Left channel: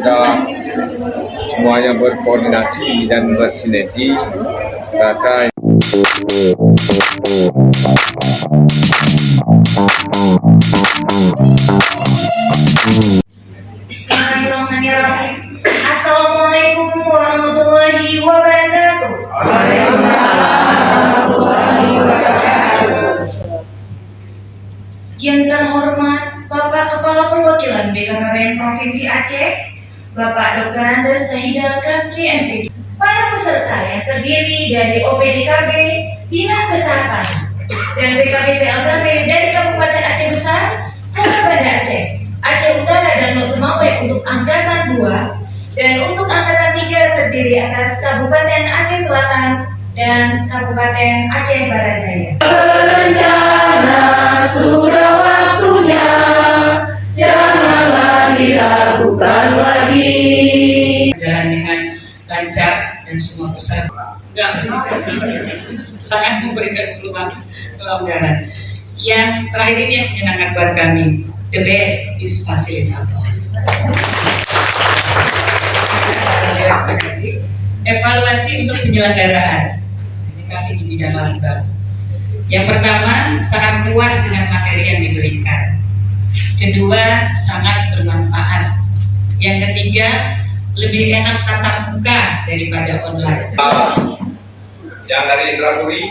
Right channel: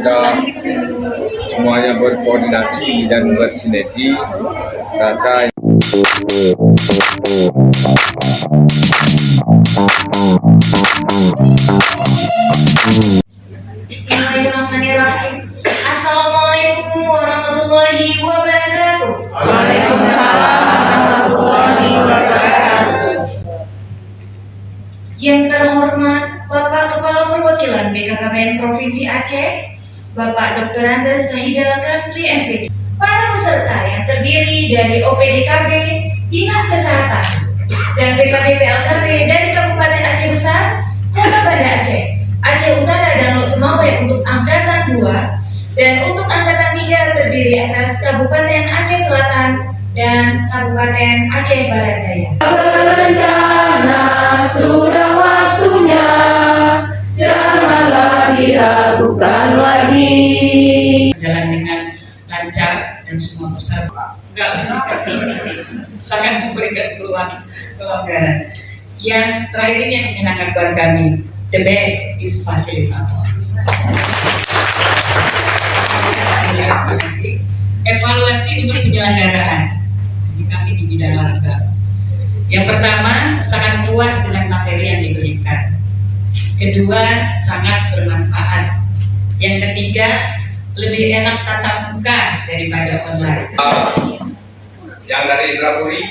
sudah semuanya berkoordinasi dan bersinergi, rasa Bismillahirrahmanirrahim. Assalamualaikum warahmatullahi wabarakatuh. Waalaikumsalam warahmatullahi wabarakatuh. Yang terhormat Bapak Kepala Perwakilan BKKBN Provinsi Aceh, Bapak Dr. Andes Sahida Kasri MPD, para peserta yang terdiri dari OPDKB, Dinas Kesehatan, dan BKBP LKB dari Kabupaten Aceh Besar, Kota Banda Aceh, Aceh Utara dan Lok Semawe untuk Angkatan 2, dan untuk Angkatan 3 terdiri atas Kabupaten Aceh Selatan dan Kabupaten Aceh Barat Daya. Berencana sudah waktunya, janganlah diragukan lagi. Jalan dengan lancar dan semua peserta sangat memberikan peluang pelonggaran. Yang terakhir ini yang menyenangkan buat kami, the best is fasilitator. Terima kasih. Evaluasi untuk penyelenggaraan. Ini kami di bidang latihan. Yang pertama, sangat puas dengan materi yang diberikan. Kedua, sangat bermanfaat. Yang ketiga, lebih enak tatap muka daripada online. yang dari Indrapuri,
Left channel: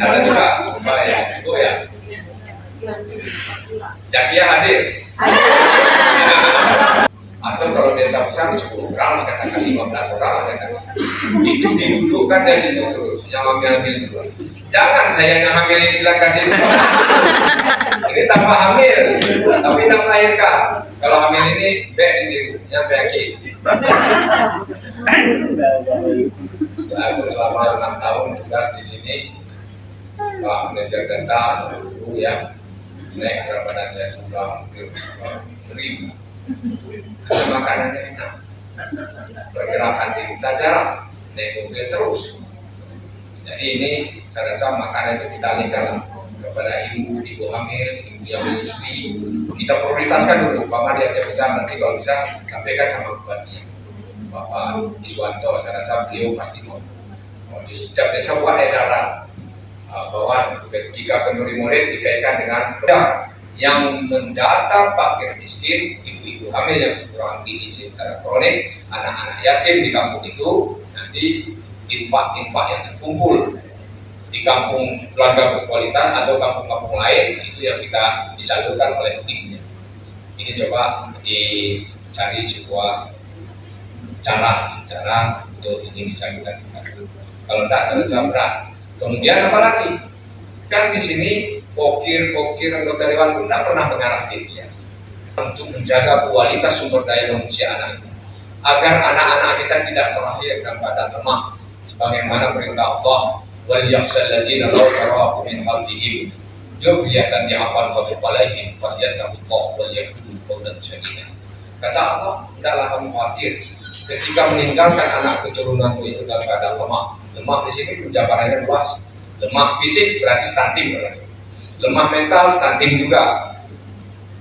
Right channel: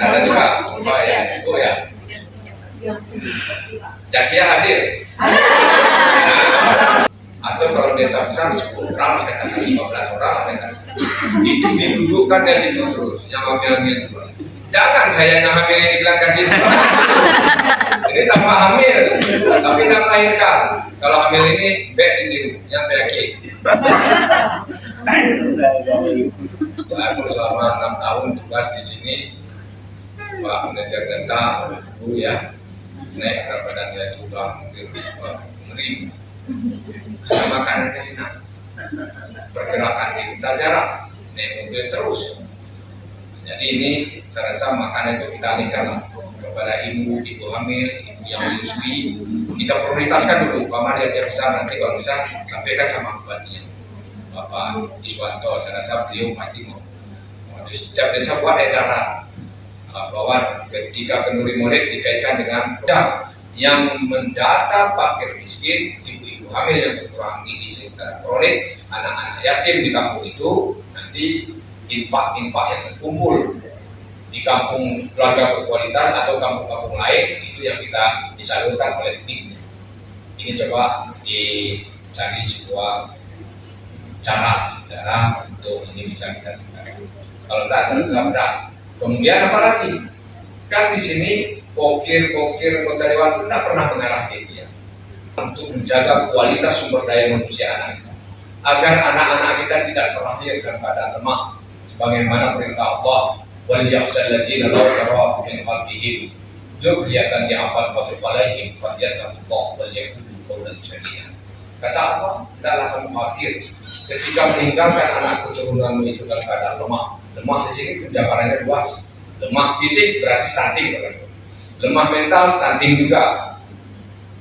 ada juga Mbak ya, Ibu ya. Jakia hadir. Atau kalau desa besar 10 orang, katakan 15 orang, katakan. Itu didudukkan dari situ terus, yang hamil itu. Jangan saya yang hamil ini bilang kasih. Ini tambah hamil, tapi tak melahirkan. Kalau hamil ini bek ditiru, yang penyakit. Aku selama 6 tahun tugas di sini, Pak Manajer Data dulu ya, naik berapa derajat sudah hampir 1000. Karena makanannya enak, pergerakan di hutan jarang, naik mobil terus. Jadi ini saya rasa makanan itu kita alihkan kepada ibu hamil, ibu yang menyusui. Kita prioritaskan dulu, Pak di Aceh Besar, nanti kalau bisa sampaikan sama bupatinya, Bapak Iswanto. Saya rasa beliau pasti mau di setiap desa buat edaran bahwa ketika kenduri murid dikaitkan dengan yang mendata fakir miskin, ibu-ibu hamil yang kekurangan gizi secara kronik, anak-anak yatim di kampung itu, nanti infak-infak yang terkumpul di kampung keluarga berkualitas atau kampung-kampung lain, itu yang kita disalurkan oleh timnya. Ini coba dicari sebuah cara untuk ini bisa kita tingkatkan. Kalau tidak, saya berat. Kemudian apa lagi? Kan di sini pokir anggota dewan pun tidak pernah mengarah dia untuk menjaga kualitas sumber daya manusia anak kita, agar anak-anak kita tidak terlahir dalam keadaan lemah, sebagaimana perintah Allah, wal yakhshal ladzina law taraku min khalfihim dzurriyyatan ya'mal qawfalaihim falyattaqullah wal yaqulu qawlan sadida. Kata Allah, tidaklah kamu khawatir ketika meninggalkan anak keturunanmu itu dalam keadaan lemah. Lemah di sini penjabarannya luas. Lemah fisik berarti stunting, lemah mental stunting juga,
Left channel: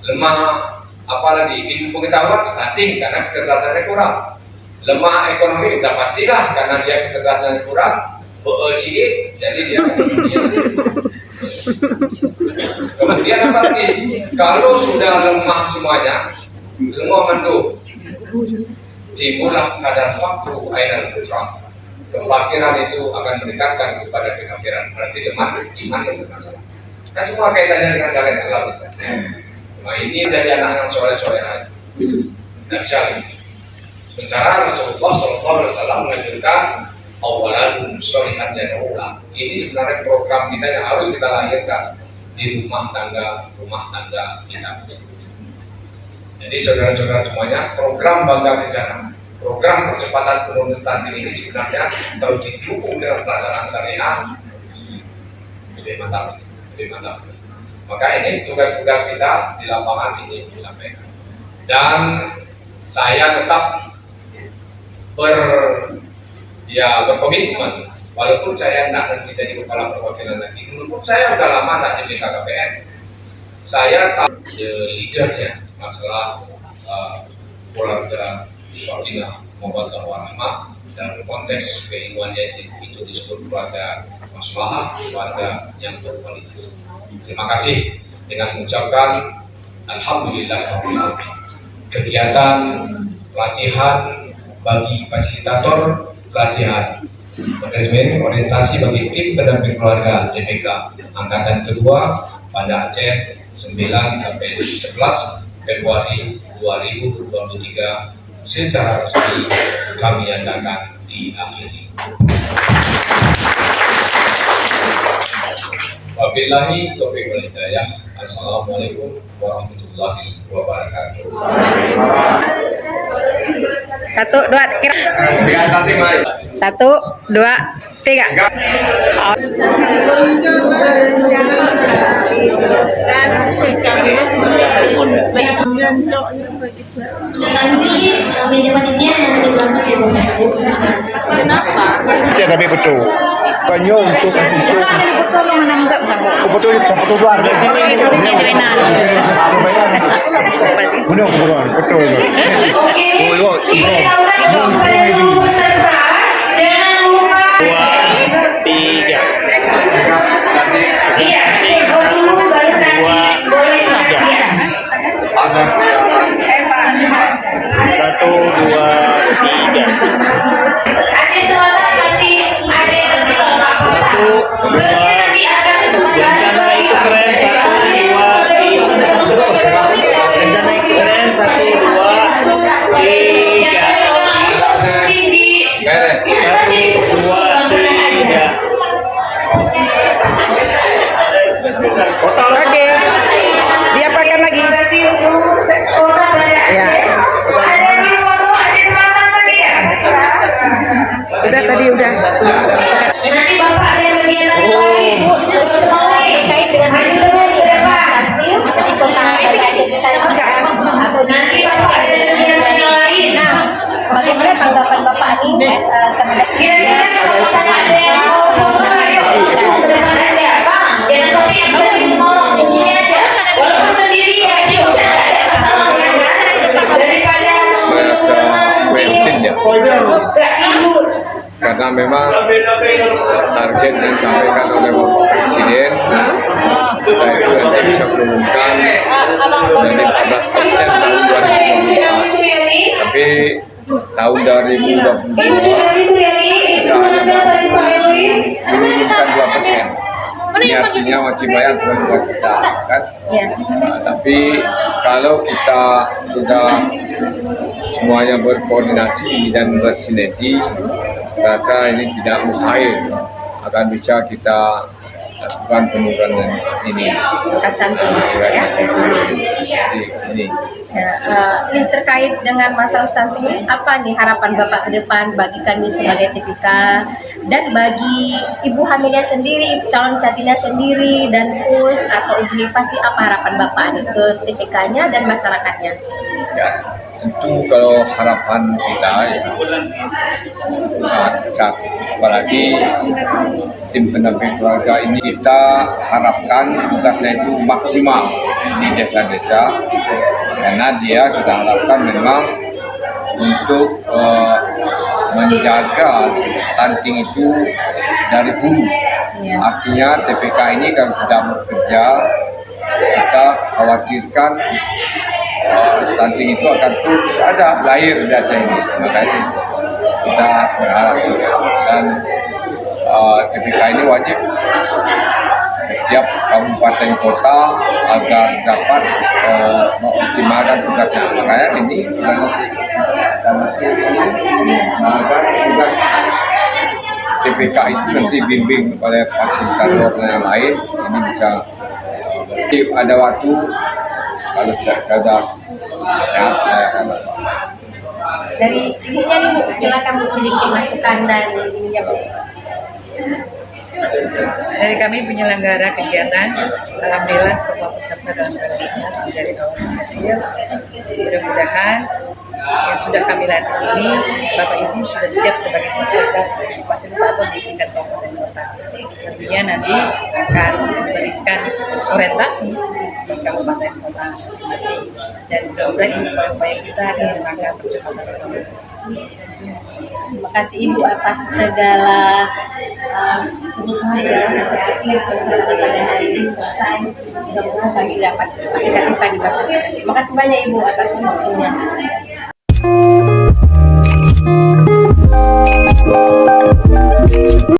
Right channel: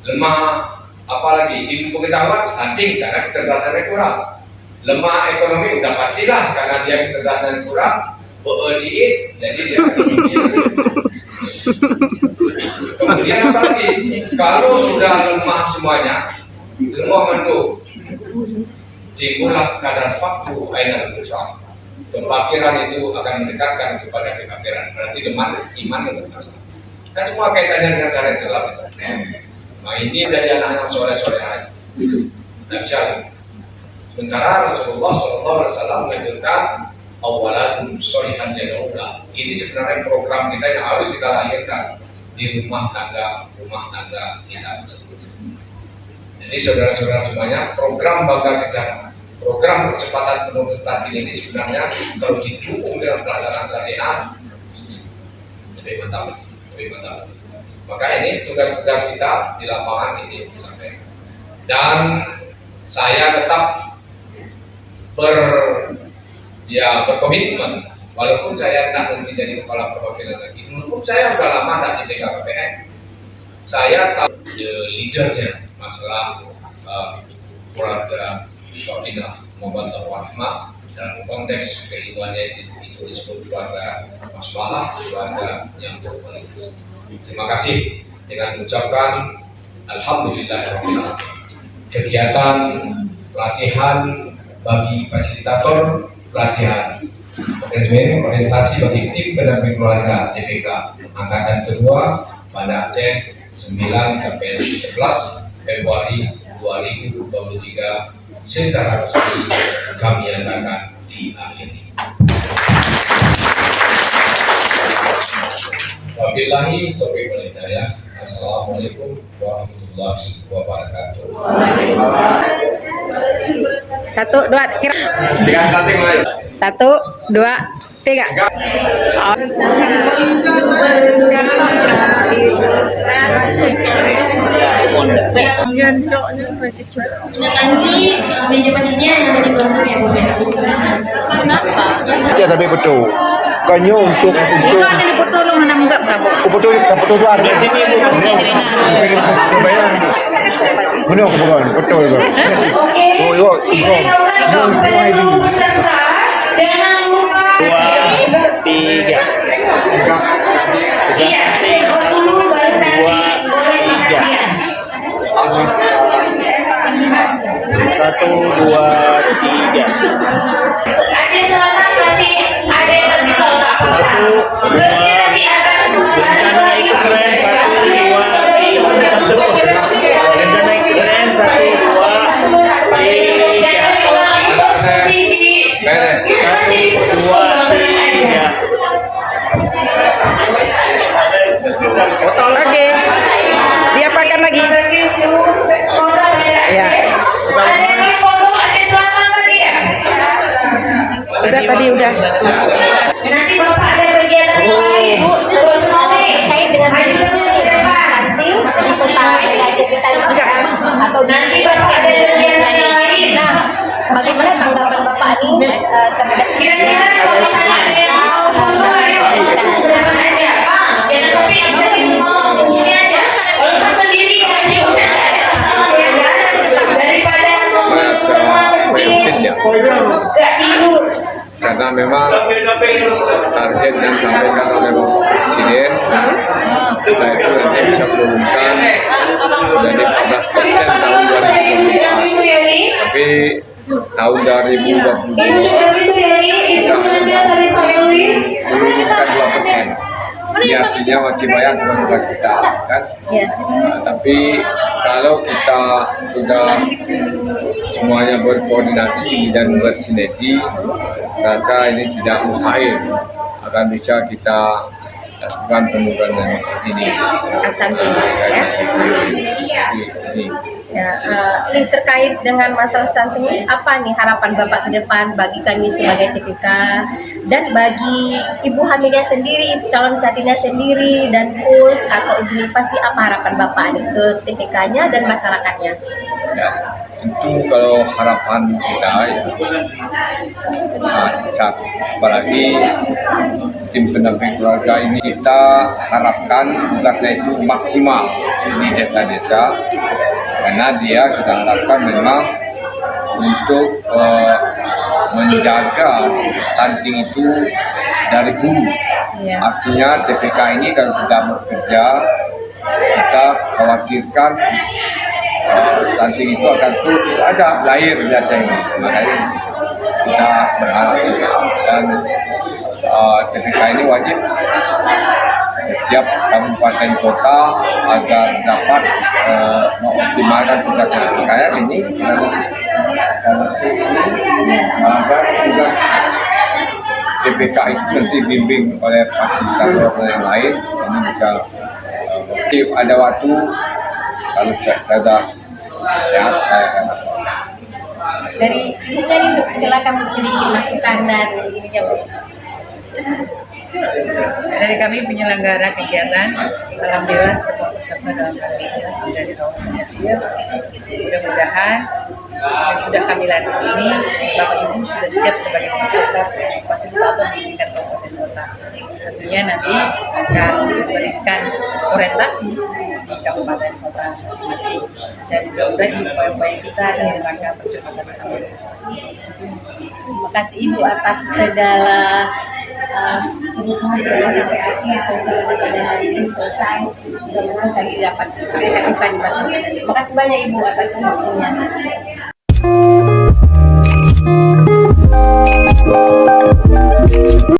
lemah apalagi ilmu pengetahuan stunting karena kecerdasannya kurang, lemah ekonomi udah pastilah karena dia kecerdasannya kurang, jadi dia kemudian apalagi kalau sudah lemah semuanya, lemah mendung, timbullah kadar fakru ainal kufra. Kefakiran itu akan mendekatkan kepada kekafiran, berarti lemah iman yang bermasalah. Kan semua kaitannya dengan cara yang selalu. Nah ini dari anak yang soleh-soleh aja, nggak bisa lagi. Sementara Rasulullah SAW menganjurkan awaladun solihan yad'ulah. Ini sebenarnya program kita yang harus kita lahirkan di rumah tangga kita. Jadi saudara-saudara semuanya, program Bangga Kencana, program percepatan penurunan stunting ini sebenarnya kalau didukung dengan pelaksanaan syariah lebih mantap. Maka ini tugas-tugas kita di lapangan ini disampaikan. Dan saya tetap berkomitmen, walaupun saya tidak nanti jadi kepala perwakilan lagi. Dulu pun saya sudah lama tidak di BKKBN. saya tahu leadernya masalah keluarga Sakinah Mawaddah Warahmah, dan konteks keilmuannya itu disebut keluarga maslahah, keluarga yang berkualitas. Terima kasih dengan mengucapkan alhamdulillah kegiatan pelatihan bagi fasilitator, pelatihan manajemen orientasi bagi tim pendamping keluarga TPK angkatan kedua pada Aceh 9 sampai 11 Februari 2023 secara resmi kami nyatakan diakhiri. Wabillahi taufiq wal hidayah. Assalamualaikum warahmatullahi wabarakatuh. 1, 2, kira. 1, 2, 3. Nanti meja panitinya yang dibantu ya Bu. Kenapa? Ya tapi betul. Kanya untuk Itu ada di betul lo mana enggak sabo. betul luar di sini. Benar bukan betul. Oke, diberitahukan kepada seluruh peserta, jangan lupa 3. iya, cek dulu baru nanti boleh kajian. 1, 2, 3. Aceh Selatan masih ada yang tertinggal Pak. 1, 2. Terus nanti akan Rencana itu keren. 1, 2, 3. Rencana itu keren. 1, 2, 3. 1, 2, 3. Oke. Diapakan lagi? Ya. Ada yang foto Aceh Selatan tadi ya? Udah tadi udah. Nanti Bapak ada kegiatan yang lain. Terus mau kait dengan maju terus ke depan. di kota ada kegiatan atau Nanti Bapak ada kegiatan yang lain. nah bagaimana tanggapan Bapak ini terhadap Kira-kira kalau misalnya ada yang mau foto ayo langsung ke depan aja. Bang, jangan sampai yang jadi ngomong di sini aja. Walaupun sendiri aja udah nggak ada masalah ya kan? Daripada Baca Welltin ya, nggak tidur. karena memang target yang disampaikan oleh Bapak Presiden kita itu nanti bisa menurunkan dari 14% tahun 2024, tapi tahun 2022 kita hanya menurunkan 2%. Ini artinya wajib bayar bukan kita kan. ya Tapi kalau kita sudah semuanya berkoordinasi dan bersinergi, saya rasa ini tidak mustahil akan bisa kita lakukan penurunan ini. Ini. Ya, ini terkait dengan masalah stunting, apa nih harapan Bapak ke depan bagi kami sebagai TPK dan bagi ibu hamilnya sendiri, calon catinnya sendiri, dan PUS atau ibu pasti apa harapan Bapak nih ke TPK-nya dan masyarakatnya? Ya, tentu kalau harapan kita ya saat apalagi tim pendamping keluarga ini kita harapkan tugasnya itu maksimal di desa-desa, karena dia kita harapkan memang untuk menjaga stunting itu dari hulu. Ya. Artinya TPK ini kalau tidak bekerja, kita khawatirkan stunting itu akan terus ada lahir di Aceh ini. Makanya kita berharap dan TPK ini wajib setiap kabupaten kota agar dapat mengoptimalkan tugasnya. Makanya ini agar tugas TPK itu nanti bimbing oleh fasilitator yang lain ini bisa ada waktu kalau saya sudah sehat saya akan dapat. Dari ibunya nih Bu, silakan Bu sedikit masukan dan ininya Bu. Dari kami penyelenggara kegiatan, alhamdulillah semua peserta dalam keadaan sehat dari awal sampai akhir. Mudah-mudahan yang sudah kami latih ini, Bapak Ibu sudah siap sebagai fasilitator di tingkat kabupaten kota. Tentunya nanti akan memberikan orientasi di kabupaten kota masing-masing, dan mudah-mudahan ini upaya-upaya kita dalam rangka percepatan ekonomi. Terima kasih Ibu atas segala kebutuhan kita sampai akhir setelah pada hari ini selesai. Mudah-mudahan kami dapat kita di masa depan. Terima kasih banyak Ibu atas waktunya.